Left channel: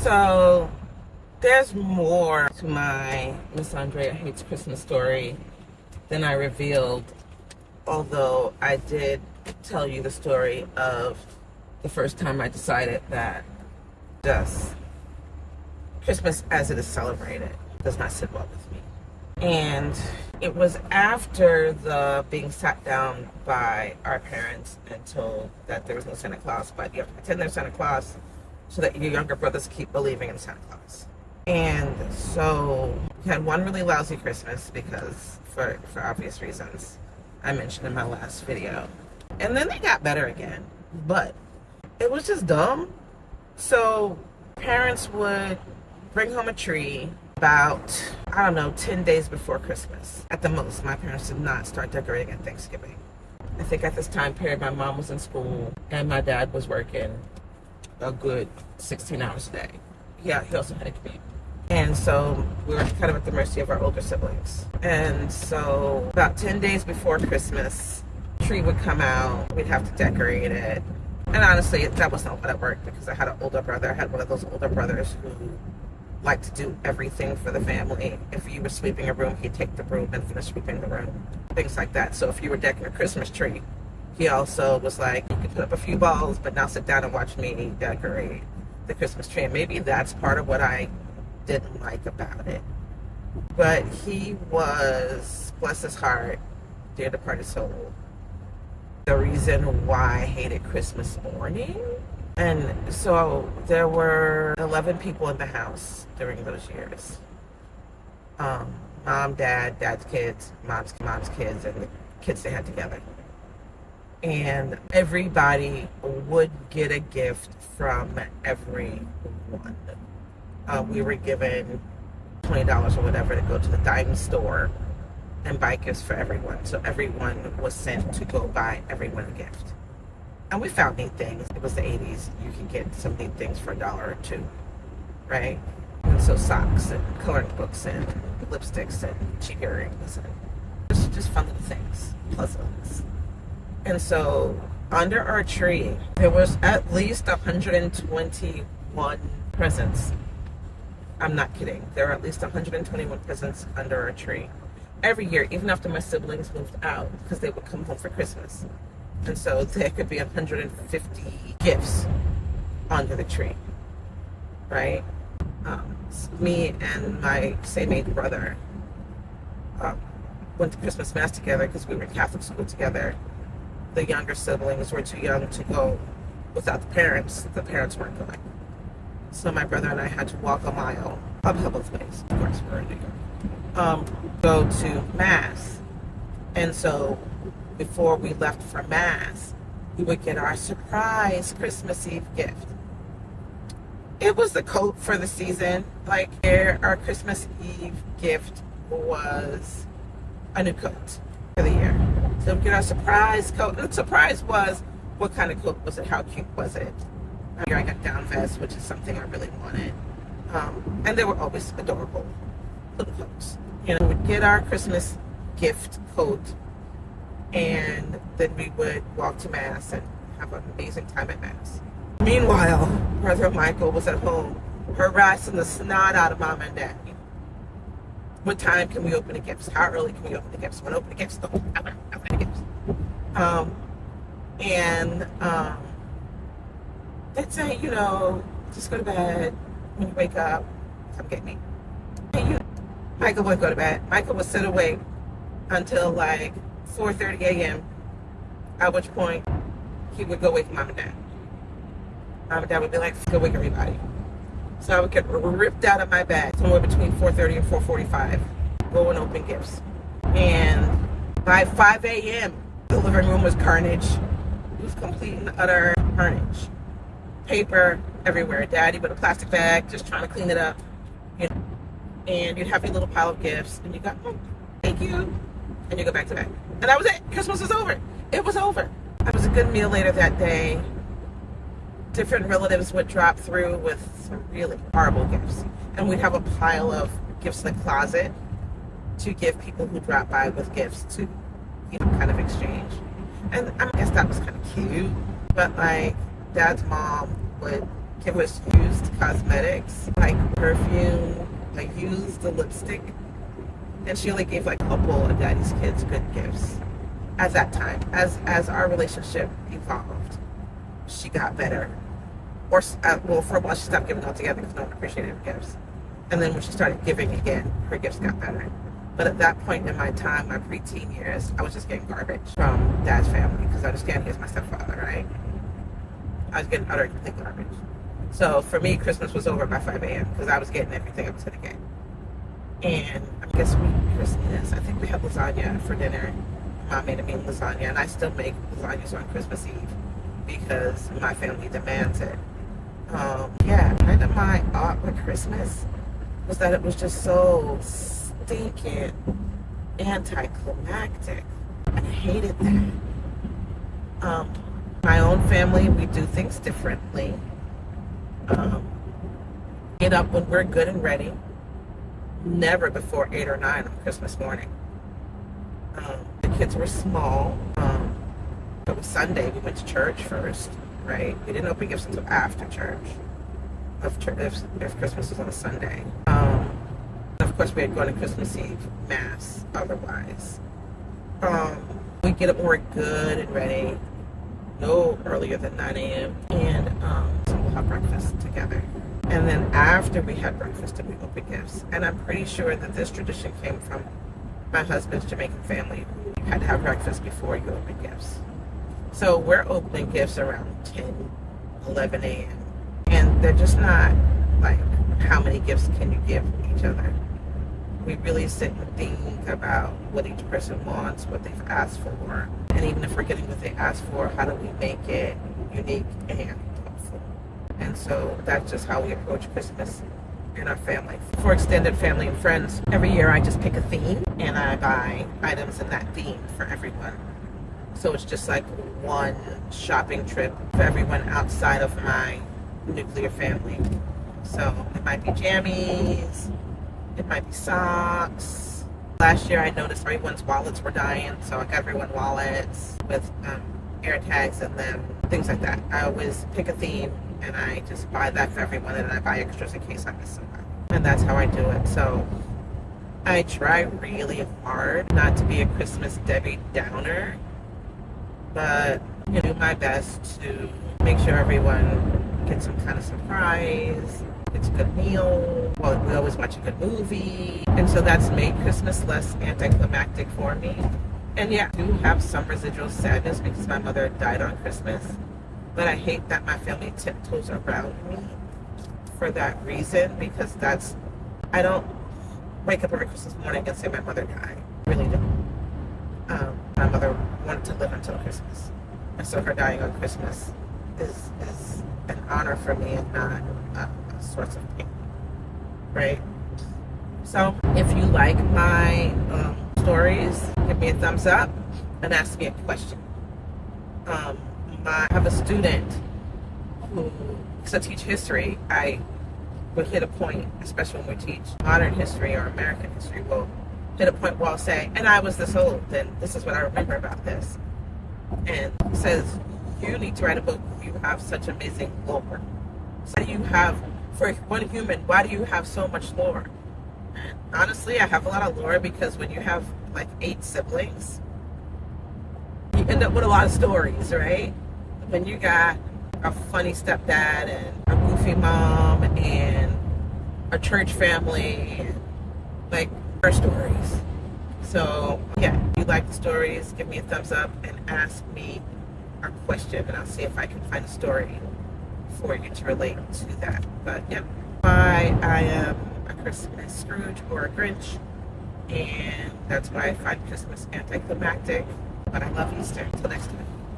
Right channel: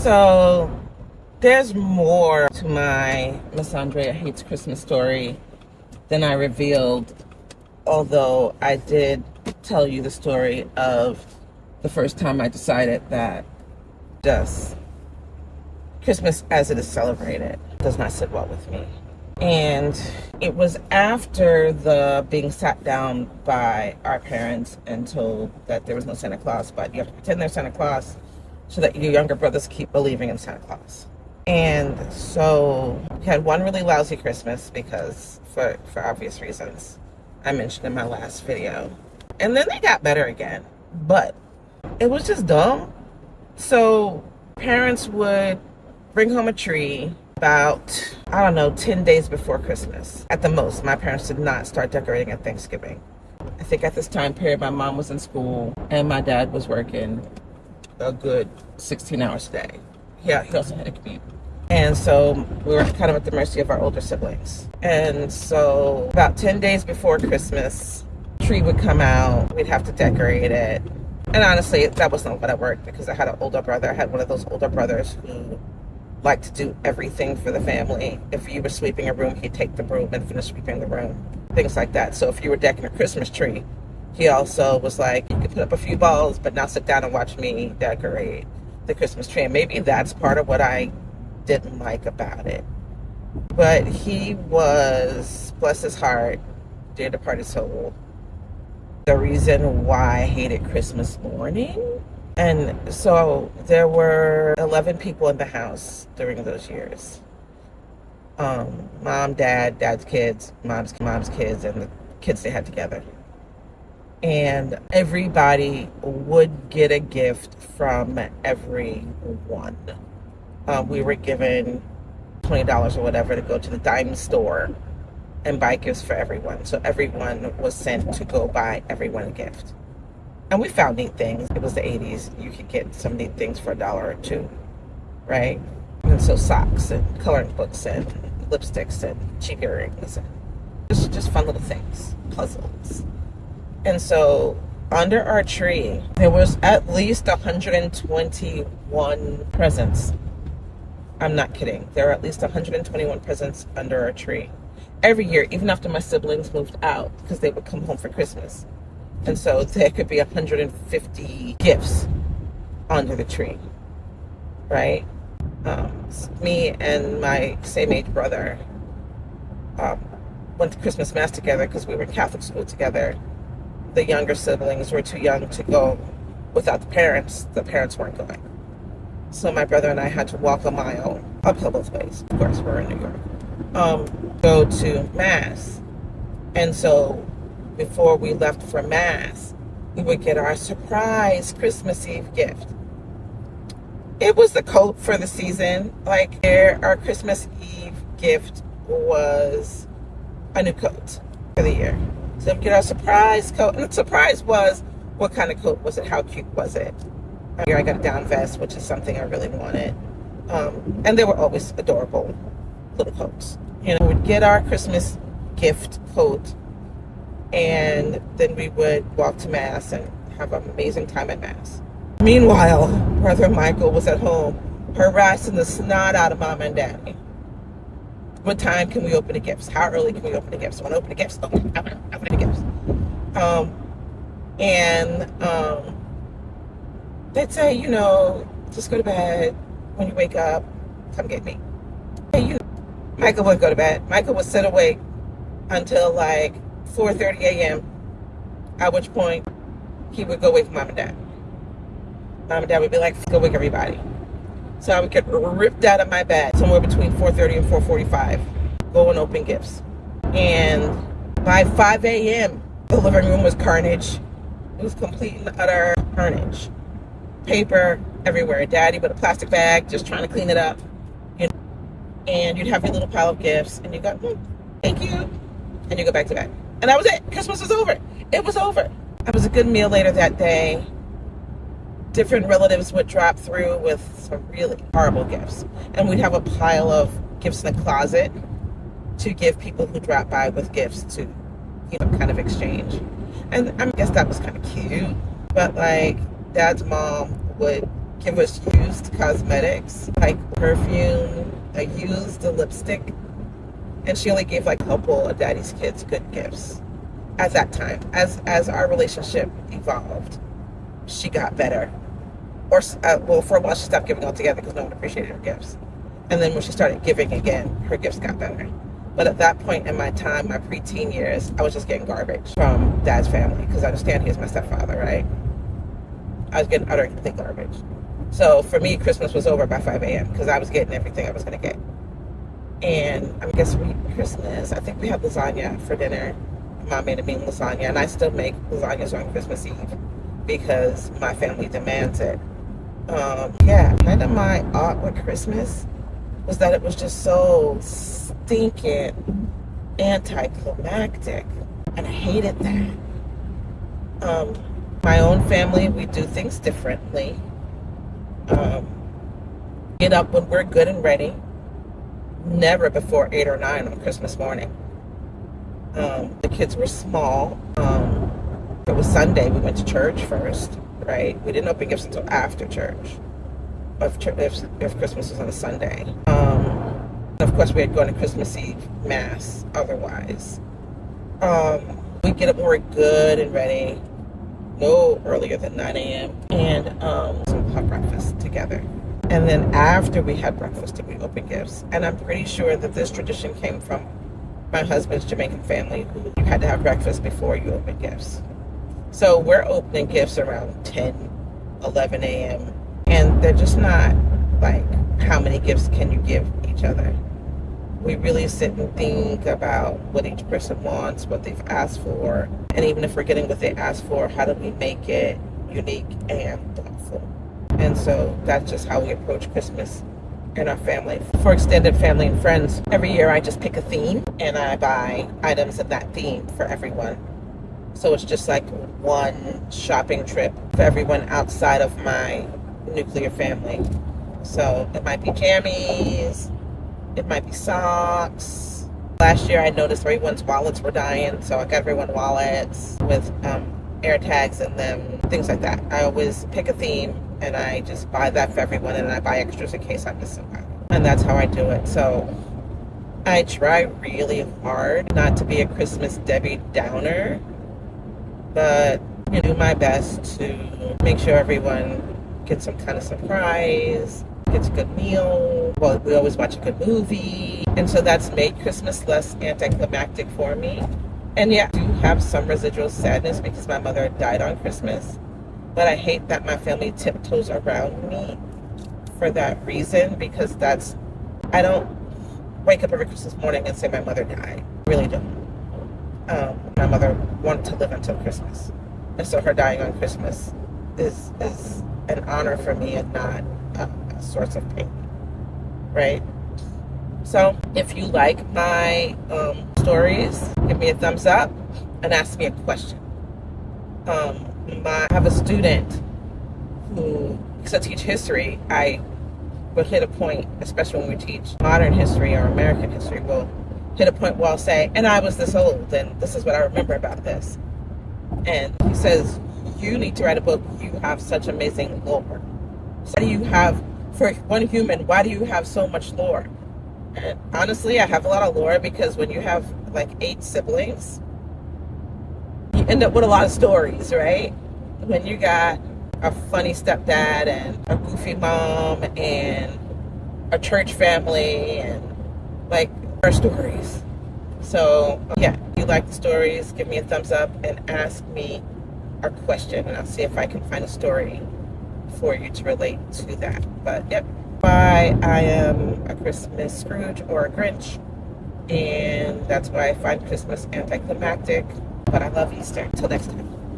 So there's more to my Miss Andrea Hates Christmas story than I revealed, although I did tell you the story of the first time I decided that just Christmas as it is celebrated does not sit well with me. And it was after the being sat down by our parents and told that there was no Santa Claus, but you have to pretend there's Santa Claus so that your younger brothers keep believing in Santa Claus. And so we had one really lousy Christmas because for obvious reasons I mentioned in my last video. And then they got better again, but it was just dumb. So parents would bring home a tree about, 10 days before Christmas at the most. My parents did not start decorating at Thanksgiving. I think at this time period, my mom was in school and my dad was working a good 16 hours a day. Yeah, he also had a commute. And so we were kind of at the mercy of our older siblings. And so about 10 days before Christmas, tree would come out, we'd have to decorate it. And honestly, that wasn't a lot of work because I had an older brother. I had one of those older brothers who liked to do everything for the family. If you were sweeping a room, he'd take the broom and finish sweeping the room, things like that. So if you were decking a Christmas tree, he also was like, you can put up a few balls, but now sit down and watch me decorate the Christmas tree. And maybe that's part of what I didn't like about it. But he was, bless his heart, dear departed soul, the reason why I hated Christmas morning. And so there were 11 people in the house during those years. Mom, dad's kids, mom's kids, and the kids they had together. And everybody would get a gift from everyone. We were given $20 or whatever to go to the dime store and buy gifts for everyone. So everyone was sent to go buy everyone a gift. And we found neat things. It was the 80s. You could get some neat things for $1 or $2, right? And so socks and coloring books and lipsticks and cheap earrings and just fun little things, puzzles. And so under our tree, there was at least 121 presents. I'm not kidding. There were at least 121 presents under our tree. Every year, even after my siblings moved out, because they would come home for Christmas. And so there could be 150 gifts under the tree, right? Me and my same age brother went to Christmas Mass together because we were in Catholic school together. The younger siblings were too young to go without the parents. The parents weren't going. So my brother and I had to walk a mile uphill both ways. Of course, we're in New York. Go to Mass. And so before we left for Mass, we would get our surprise Christmas Eve gift. It was the coat for the season. Like, our Christmas Eve gift was a new coat for the year. So we get our surprise coat. And the surprise was, what kind of coat was it? How cute was it? Here I got a down vest, which is something I really wanted. And they were always adorable little coats. We'd get our Christmas gift coat, and then we would walk to Mass and have an amazing time at Mass. Meanwhile, Brother Michael was at home harassing the snot out of Mom and Daddy. What time can we open the gifts? How early can we open the gifts? I want to open the gifts. Okay, I want to open the gifts. They'd say, just go to bed. When you wake up, come get me. Michael wouldn't go to bed. Michael would sit awake until like 4:30 a.m., at which point he would go wake Mom and Dad. Mom and Dad would be like, go wake everybody. So I would get ripped out of my bed somewhere between 4:30 and 4:45, go and open gifts. And by 5 a.m., the living room was carnage. It was complete and utter carnage. Paper everywhere. Daddy with a plastic bag, just trying to clean it up. And you'd have your little pile of gifts, and you go, thank you. And you go back to bed. And that was it. Christmas was over. It was over. It was a good meal later that day. Different relatives would drop through with some really horrible gifts. And we'd have a pile of gifts in the closet to give people who drop by with gifts to, kind of exchange. And I guess that was kind of cute. But like, Dad's mom would give us used cosmetics, like perfume, a used lipstick. And she only gave like a couple of daddy's kids good gifts at that time. As our relationship evolved, she got better. Or, well, for a while she stopped giving altogether because no one appreciated her gifts. And then when she started giving again, her gifts got better. But at that point in my time, my preteen years, I was just getting garbage from Dad's family because I understand he's my stepfather, right? I was getting utter complete garbage. So for me, Christmas was over by 5 a.m. because I was getting everything I was going to get. And I guess Christmas, I think we had lasagna for dinner. Mom made a mean lasagna, and I still make lasagnas on Christmas Eve because my family demands it. Yeah, kind of my art with Christmas was that it was just so stinking anticlimactic, and I hated that. My own family, we do things differently. Get up when we're good and ready. Never before 8 or 9 on Christmas morning. The kids were small. If it was Sunday, we went to church first, right? We didn't open gifts until after church. If Christmas was on a Sunday. Of course, we had gone to Christmas Eve Mass otherwise. We get up when we're good and ready. No earlier than 9 a.m. And so we'll have breakfast together. And then after we had breakfast, and we open gifts. And I'm pretty sure that this tradition came from my husband's Jamaican family, who you had to have breakfast before you open gifts. So we're opening gifts around 10, 11 a.m. And they're just not like, how many gifts can you give each other? We really sit and think about what each person wants, what they've asked for. And even if we're getting what they asked for, how do we make it unique and thoughtful? And so that's just how we approach Christmas in our family. For extended family and friends, every year I just pick a theme and I buy items in that theme for everyone. So it's just like one shopping trip for everyone outside of my nuclear family. So it might be jammies, it might be socks. Last year I noticed everyone's wallets were dying, so I got everyone wallets with air tags in them, things like that. I always pick a theme and I just buy that for everyone, and I buy extras in case I miss somebody. And that's how I do it. So I try really hard not to be a Christmas Debbie Downer, but do my best to make sure everyone gets some kind of surprise, gets a good meal. Well, we always watch a good movie. And so that's made Christmas less anticlimactic for me. And yeah, I do have some residual sadness because my mother died on Christmas. But I hate that my family tiptoes around me for that reason, because I don't wake up every Christmas morning and say my mother died. I really don't. My mother wanted to live until Christmas. And so her dying on Christmas is an honor for me and not a source of pain, right? So if you like my stories, give me a thumbs up and ask me a question. I have a student who, because I teach history, I will hit a point, especially when we teach modern history or American history, we'll hit a point where I'll say, and I was this old, and this is what I remember about this. And he says, you need to write a book. You have such amazing lore. So why do you have, for one human, why do you have so much lore? And honestly, I have a lot of lore because when you have like 8 siblings, you end up with a lot of stories, right? When you got a funny stepdad and a goofy mom and a church family and like our stories. So yeah, if you like the stories, give me a thumbs up and ask me a question, and I'll see if I can find a story for you to relate to that. But yep, why I am a Christmas Scrooge or a Grinch, and that's why I find Christmas anticlimactic, but I love Easter. Till next time.